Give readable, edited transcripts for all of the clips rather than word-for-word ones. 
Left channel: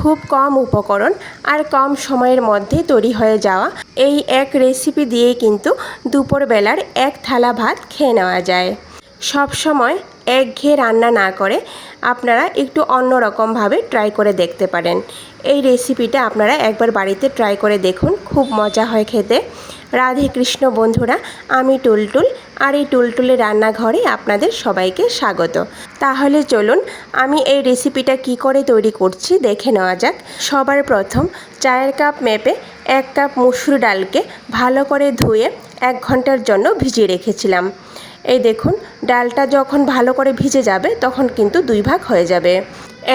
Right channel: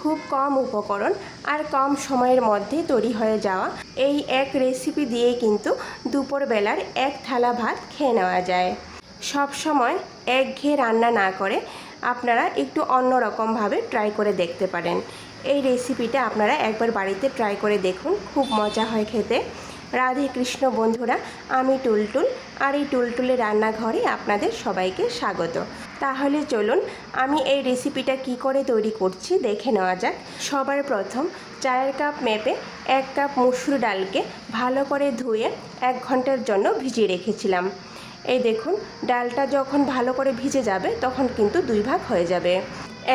খুব কম উপকরণ আর কম সময়ের মধ্যে তৈরি হয়ে যাওয়া এই এক রেসিপি দিয়েই কিন্তু দুপুরবেলার এক থালা ভাত খেয়ে নেওয়া যায়। সব সময় একঘেয়ে রান্না না করে আপনারা একটু অন্যরকমভাবে ট্রাই করে দেখতে পারেন। এই রেসিপিটা আপনারা একবার বাড়িতে ট্রাই করে দেখুন, খুব মজা হয় খেতে। রাধে কৃষ্ণ বন্ধুরা, আমি টুলটুল, আর এই টুলটুলের রান্নাঘরে আপনাদের সবাইকে স্বাগত। তাহলে চলুন আমি এই রেসিপিটা কি করে তৈরি করছি দেখে নেওয়া যাক। সবার প্রথম চায়ের কাপ মেপে 1 কাপ মসুর ডালকে ভালো করে ধুয়ে 1 ঘন্টার জন্য ভিজিয়ে রেখেছিলাম। এই দেখুন, ডালটা যখন ভালো করে ভিজে যাবে তখন কিন্তু 2 ভাগ হয়ে যাবে।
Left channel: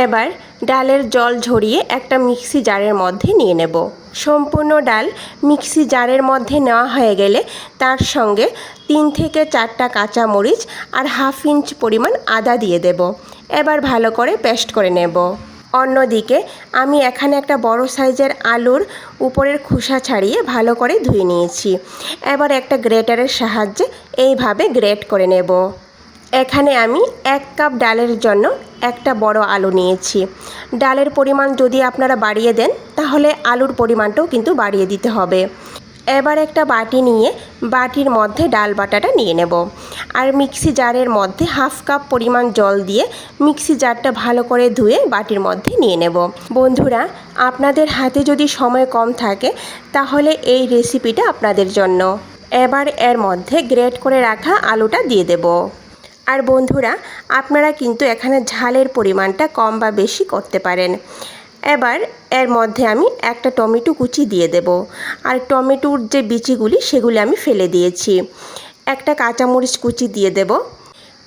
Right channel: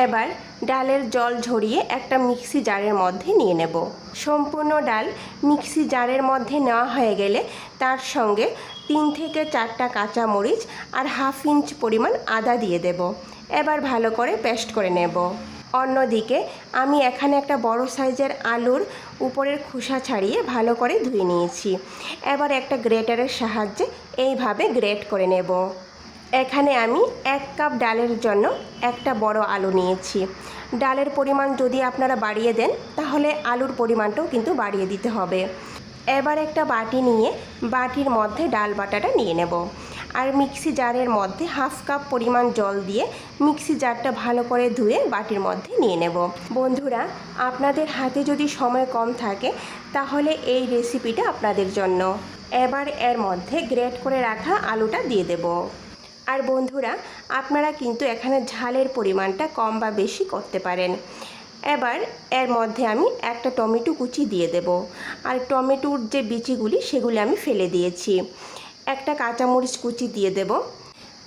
এবার ডালের জল ঝরিয়ে একটা মিক্সি জারের মধ্যে নিয়ে নেব। সম্পূর্ণ ডাল মিক্সি জারের মধ্যে নেওয়া হয়ে গেলে তার সঙ্গে 3 থেকে 4টা কাঁচামরিচ আর 1/2 ইঞ্চ পরিমাণ আদা দিয়ে দেব। এবার ভালো করে পেস্ট করে নেব। অন্যদিকে আমি এখানে একটা বড় সাইজের আলুর উপরের খোসা ছাড়িয়ে ভালো করে ধুয়ে নিয়েছি। এবার একটা গ্রেটারের সাহায্যে এইভাবে গ্রেট করে নেব। এখানে আমি 1 কাপ ডালের জন্য একটা বড় আলু নিয়েছি। ডালের পরিমাণ যদি আপনারা বাড়িয়ে দেন তাহলে আলুর পরিমাণটাও কিন্তু বাড়িয়ে দিতে হবে। এবার একটা বাটি নিয়ে বাটির মধ্যে ডাল বাটাটা নিয়ে নেব আর মিক্সি জারের মধ্যে 1/2 কাপ পরিমাণ জল দিয়ে মিক্সি জারটা ভালো করে ধুয়ে বাটির মধ্যে নিয়ে নেব। বন্ধুরা, আপনাদের হাতে যদি সময় কম থাকে তাহলে এই রেসিপিটা আপনাদের জন্য। এবার এর মধ্যে গ্রেট করে রাখা আলুটা দিয়ে দেব। আর বন্ধুরা, আপনারা কিন্তু এখানে ঝালের পরিমাণটা কম বা বেশি করতে পারেন। এবার এর মধ্যে আমি একটা টমেটো কুচি দিয়ে দেব। আর টমেটোর যে বিচিগুলি সেগুলি আমি ফেলে দিয়েছি। একটা কাঁচামরিচ কুচি দিয়ে দেব।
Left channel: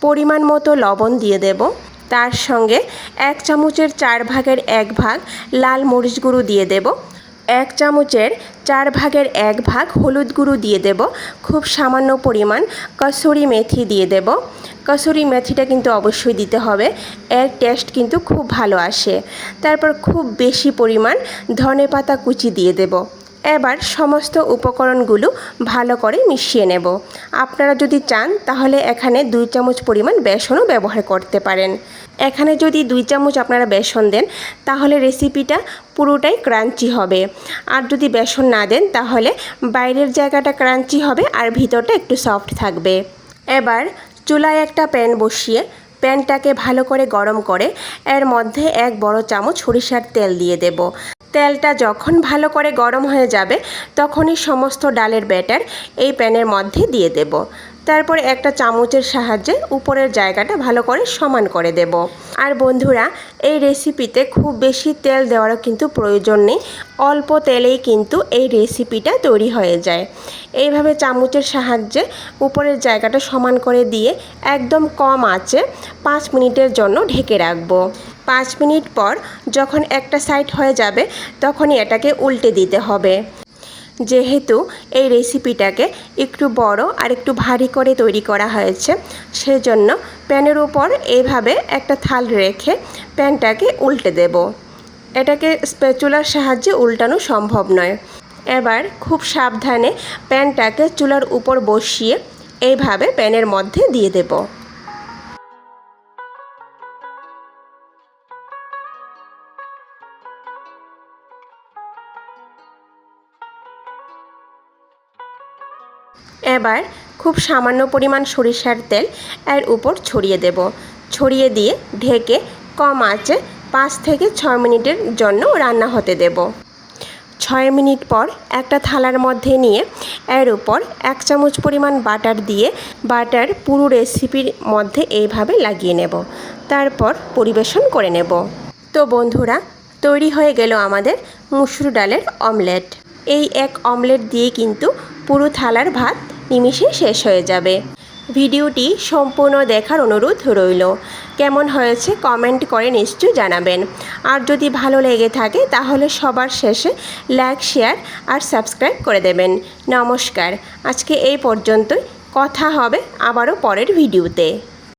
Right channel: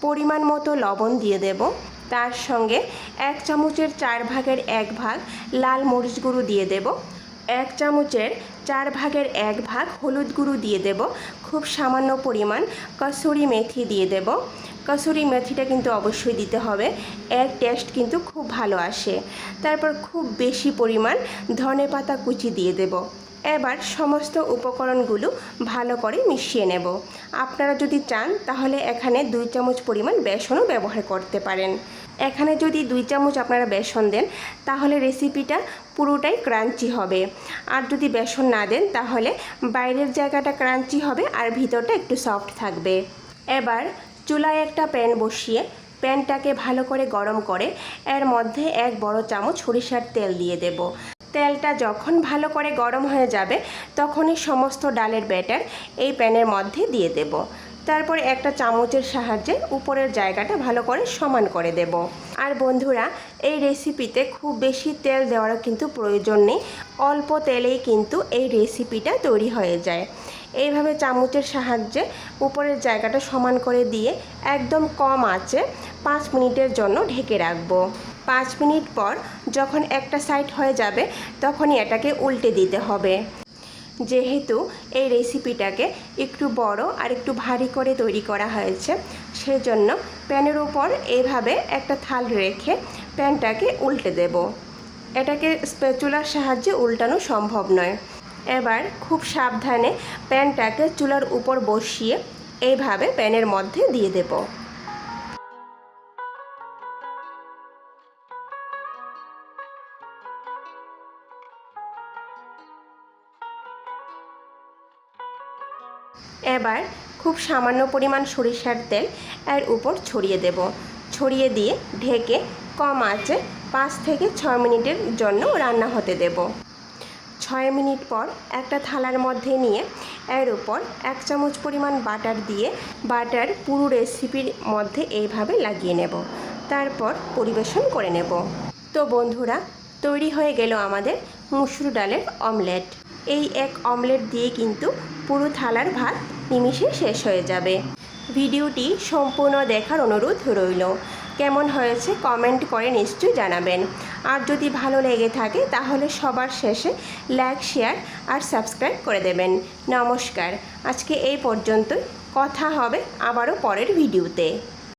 পরিমাণ মতো লবণ দিয়ে দেব। তার সঙ্গে 1 চামচের 4 ভাগের 1 ভাগ লাল মরিচ গুঁড়ো দিয়ে দেব। 1 চামচের 4 ভাগের 1 ভাগ হলুদ গুঁড়ো দিয়ে দেব। খুব সামান্য পরিমাণ কসুরি মেথি দিয়ে দেব। কসুরি মেথিটা কিন্তু অবশ্যই দিতে হবে, এর টেস্ট কিন্তু খুব ভালো আসে। তারপর খুব বেশি পরিমাণ ধনেপাতা কুচি দিয়ে দেব। এবার সমস্ত উপকরণগুলো ভালো করে মিশিয়ে নেব। আপনারা যদি চান তাহলে এখানে 2 চামচ পরিমাণ বেসনও ব্যবহার করতে পারেন। এখানে যদি 2 চামচ আপনারা বেসন দেন তাহলে রেসিপিটা পুরোটাই ক্রাঞ্চি হবে। আর যদি বেসন না দেন তাহলে বাইরের জায়গাটা ক্রাঞ্চি হবে আর ভিতরটা একটু সফট থাকবে। এবার চুলায় একটা প্যান বসিয়ে প্যানটাকে ভালো করে গরম করে এর মধ্যে 1 বড় চামচ সরিষার তেল দিয়ে দেব। তেলটা যখন ভালো করে গরম হয়ে যাবে তখনই সমস্ত ডালের ব্যাটার এই প্যানের মধ্যে দিয়ে দেব। তারপর একটা চামচের সাহায্যে উপরের জায়গাটা ভালো করে সমান করে দেব। আর বন্ধুরা, এই রেসিপিতে খুব বেশি তেল দেওয়ারও কিন্তু প্রয়োজন নেই, অল্প তেলেই কিন্তু এই রেসিপিটা তৈরি হয়ে যায়। এইভাবে চামচের সাহায্যে উপরের জায়গাটা সমান করে দিয়ে একদম কম আঁচে 5 মিনিটের জন্য ঢেকে রাখবো। 5 মিনিট পর যখন একটা সাইড হয়ে যাবে তখনই এটাকে উল্টে দিতে হবে। যেহেতু এই রেসিপিটাকে একটু বড় আর একটু ভারী করে তৈরি করা হয়েছে সেজন্য প্যানের উপর এইভাবে একটা থাল রেখে প্যানটাকে উল্টে দেব। এটাকে স্প্যাচুলার সাহায্যে উল্টানো সম্ভব নয়। এবার খুব সাবধানে প্যানটাকে চুলার উপর বসিয়ে এইভাবে প্যানের মধ্যে দিয়ে দেব। এবার খুব সামান্য পরিমাণ সরিষার তেল এর উপর ছড়িয়ে দেব। ছড়িয়ে দিয়ে ঢেকে কম আঁচে 5 থেকে 6 মিনিটের জন্য রান্না হতে দেব। 6 মিনিট পর একটা থালার মধ্যে নিয়ে এর উপর 1 চামচ পরিমাণ বাটার দিয়ে বাটার পুরো রেসিপির মধ্যে এইভাবে লাগিয়ে নেব। তারপর পরিবেশন করে নেব। তো বন্ধুরা, তৈরি হয়ে গেল আমাদের মসুর ডালের অমলেট। এই এক অমলেট দিয়ে কিন্তু পুরো থালার ভাত নিমিষে শেষ হয়ে যাবে। ভিডিওটি সম্পূর্ণ দেখার অনুরোধ রইল। কেমন হয়েছে কমেন্ট করে নিশ্চয়ই জানাবেন। আর যদি ভালো লেগে থাকে তাহলে সবার শেষে লাইক, শেয়ার আর সাবস্ক্রাইব করে দেবেন। নমস্কার, আজকে এই পর্যন্তই। কথা হবে আবারও পরের ভিডিওতে।